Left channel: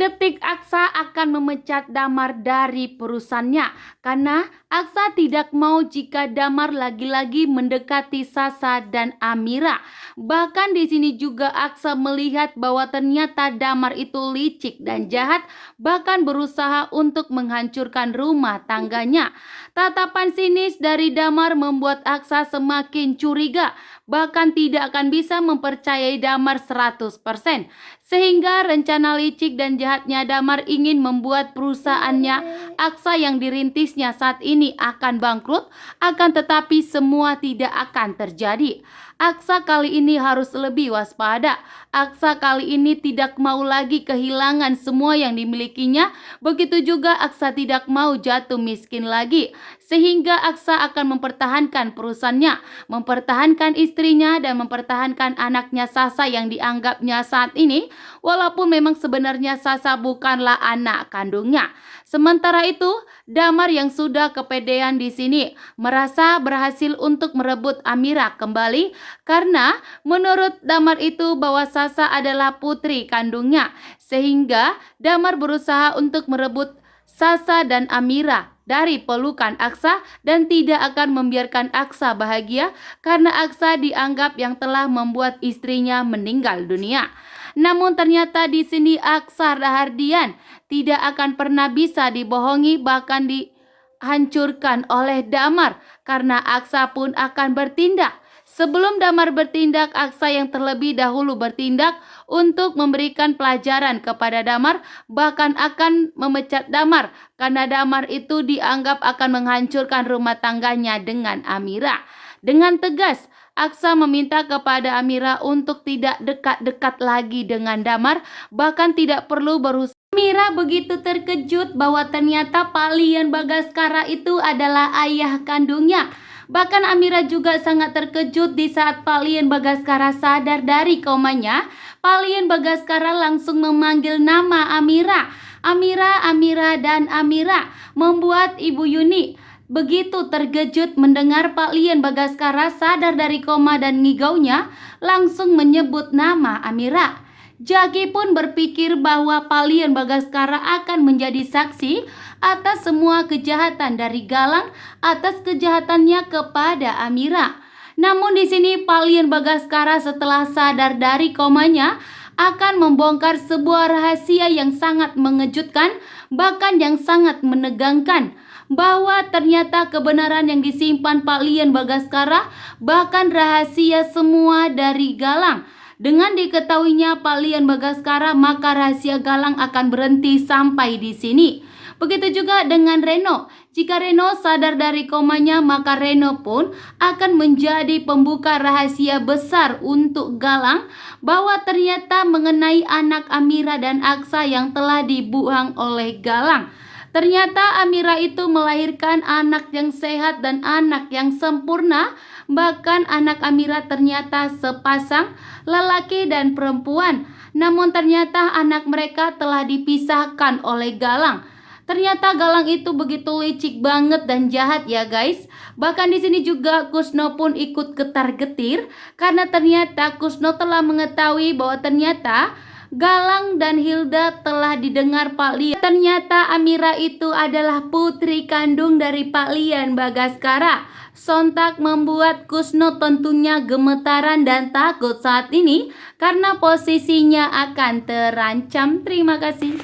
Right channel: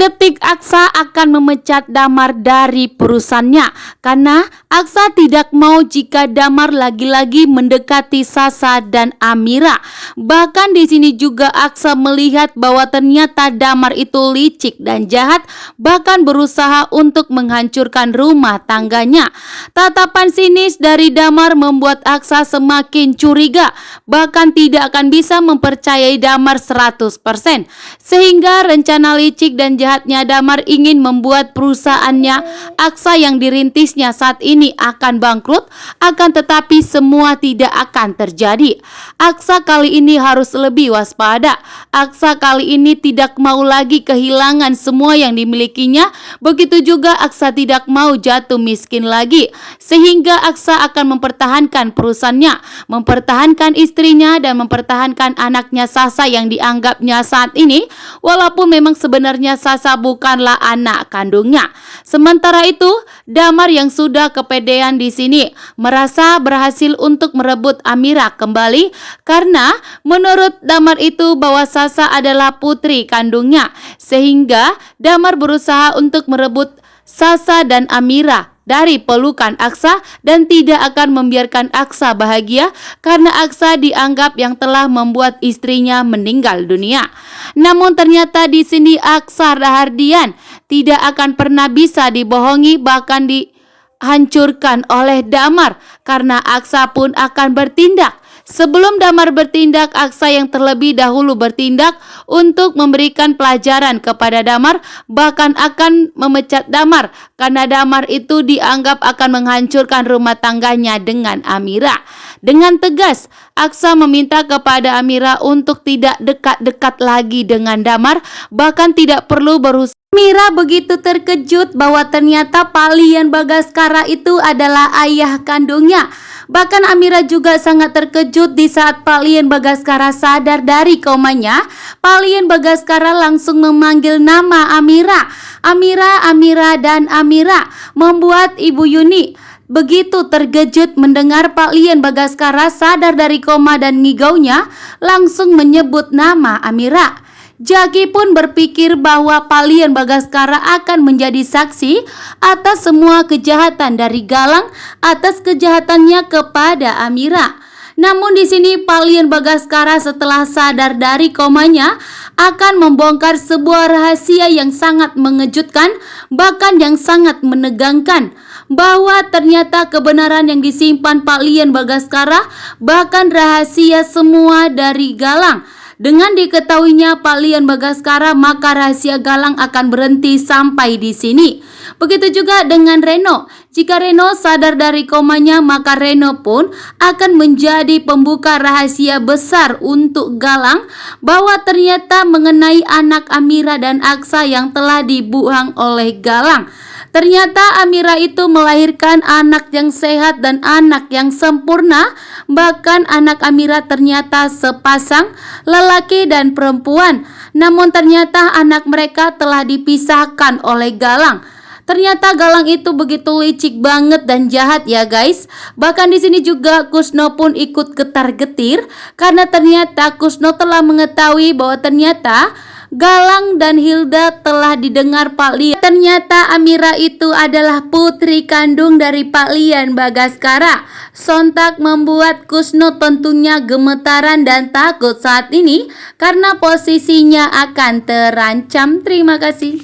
Detik-detik Aksa akan memecat Damar dari perusahaannya karena Aksa tidak mau jika Damar lagi-lagi mendekati Sasa dan Amira. Bahkan di sini juga Aksa melihat bahwa ternyata Damar itu licik dan jahat, bahkan berusaha untuk menghancurkan rumah tangganya. Tatapan sinis dari Damar membuat Aksa semakin curiga, bahkan tidak akan bisa mempercayai Damar 100%. Sehingga rencana licik dan jahatnya Damar ingin membuat perusahaannya Aksa yang dirintisnya saat ini akan bangkrut, akan tetapi semua tidak akan terjadi. Aksa kali ini harus lebih waspada. Aksa kali ini tidak mau lagi kehilangan semua yang dimilikinya. Begitu juga Aksa tidak mau jatuh miskin lagi. Sehingga Aksa akan mempertahankan perusahaannya, mempertahankan istrinya dan mempertahankan anaknya Sasa yang dianggapnya saat ini, walaupun memang sebenarnya Sasa bukanlah anak kandungnya. Sementara itu, Damar yang sudah kepedean di sini merasa berhasil untuk merebut Amira kembali karena menurut Damar itu bahwa Sasa adalah putri kandungnya, sehingga Damar berusaha untuk merebut Sasa dan Amira dari pelukan Aksa dan tidak akan membiarkan Aksa bahagia karena Aksa dianggap yang telah membuat istrinya meninggal dunia. Namun ternyata di sini Aksa Rahardian tidak akan pernah bisa dibohongi, bahkan dihancurkan oleh Damar karena Aksa pun akan bertindak. Sebelum Damar bertindak, Aksa yang terlebih dahulu bertindak untuk memberikan pelajaran kepada Damar, bahkan akan memecat Damar karena Damar itu dianggap akan menghancurkan rumah tangganya dengan Amira. Dengan tegas, Aksa meminta kepada Amira untuk tidak dekat-dekat lagi dengan Damar, bahkan tidak perlu berusaha. Amira begitu terkejut bahwa ternyata Palian Bagaskara itu adalah ayah kandungnya. Bahkan Amira juga sangat terkejut di saat Palian Bagaskara sadar dari komanya. Palian Bagaskara langsung memanggil nama Amira. Amira, Amira, dan Amira membuat Ibu Yuni begitu terkejut mendengar Palian Bagaskara sadar dari koma dan ngigaunya langsung menyebut nama Amira. Jaki pun berpikir bahwa Palian Bagaskara akan menjadi saksi atas semua kejahatan dari Galang atas kejahatannya kepada Amira. Namun di sini Palian Bagaskara setelah sadar dari komanya akan membongkar sebuah rahasia yang sangat mengejutkan, bahkan yang sangat menegangkan, bahwa ternyata kebenaran yang disimpan Palian Bagaskara bahkan rahasia semua dari Galang. Dengan diketahuinya Palian Bagaskara, maka rahasia Galang akan berhenti sampai di sini. Begitu juga dengan Reno. Jika Reno sadar dari komanya, maka Reno pun akan menjadi pembuka rahasia besar untuk Galang bahwa ternyata mengenai anak Amira dan Aksa yang telah dibuang oleh Galang. Ternyata Amira itu melahirkan anak yang sehat dan anak yang sempurna. Bahkan anak Amira ternyata sepasang lelaki dan perempuan. Namun ternyata anak mereka telah dipisahkan oleh Galang. Ternyata Galang itu begitu licik banget dan jahat ya guys. Bahkan di sini juga Kusno pun ikut getar-getir karena ternyata Kusno telah mengetahui bahwa ternyata Galang dan Hilda telah didengar Palian. Ternyata Amira itu adalah putri kandung dari Palian Bagaskara. Sontak membuat Kusno tentunya gemetaran dan takut saat ini karena posisinya akan terancam. Terima kasih.